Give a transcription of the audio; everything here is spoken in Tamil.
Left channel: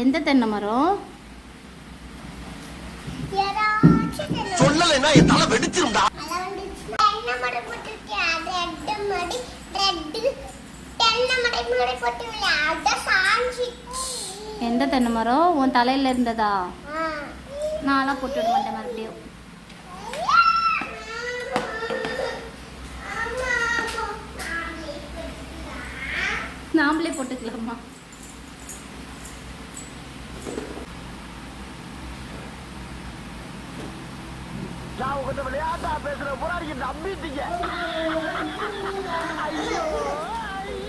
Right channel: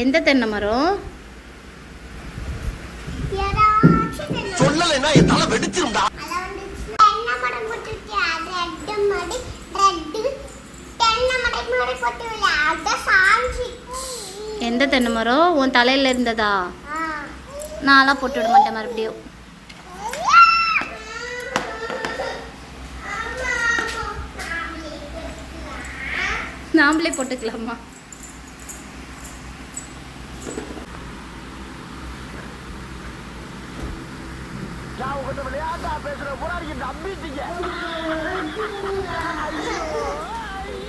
எந்த தென்னை மரம்? சொல்லலைன்னா என் தலை வெடிச்சிருந்தா. எந்த தென்னை மரம் உன் தலையில இருந்ததா? நான்லாம் போட்டு விட மாட்டேன் மறுபடியும். நாமளே போட்டுக்கலாமா? நான் உங்ககிட்ட விளையாட்டா பேசுற போராடி நம்பிட்டீங்க. ஐயோ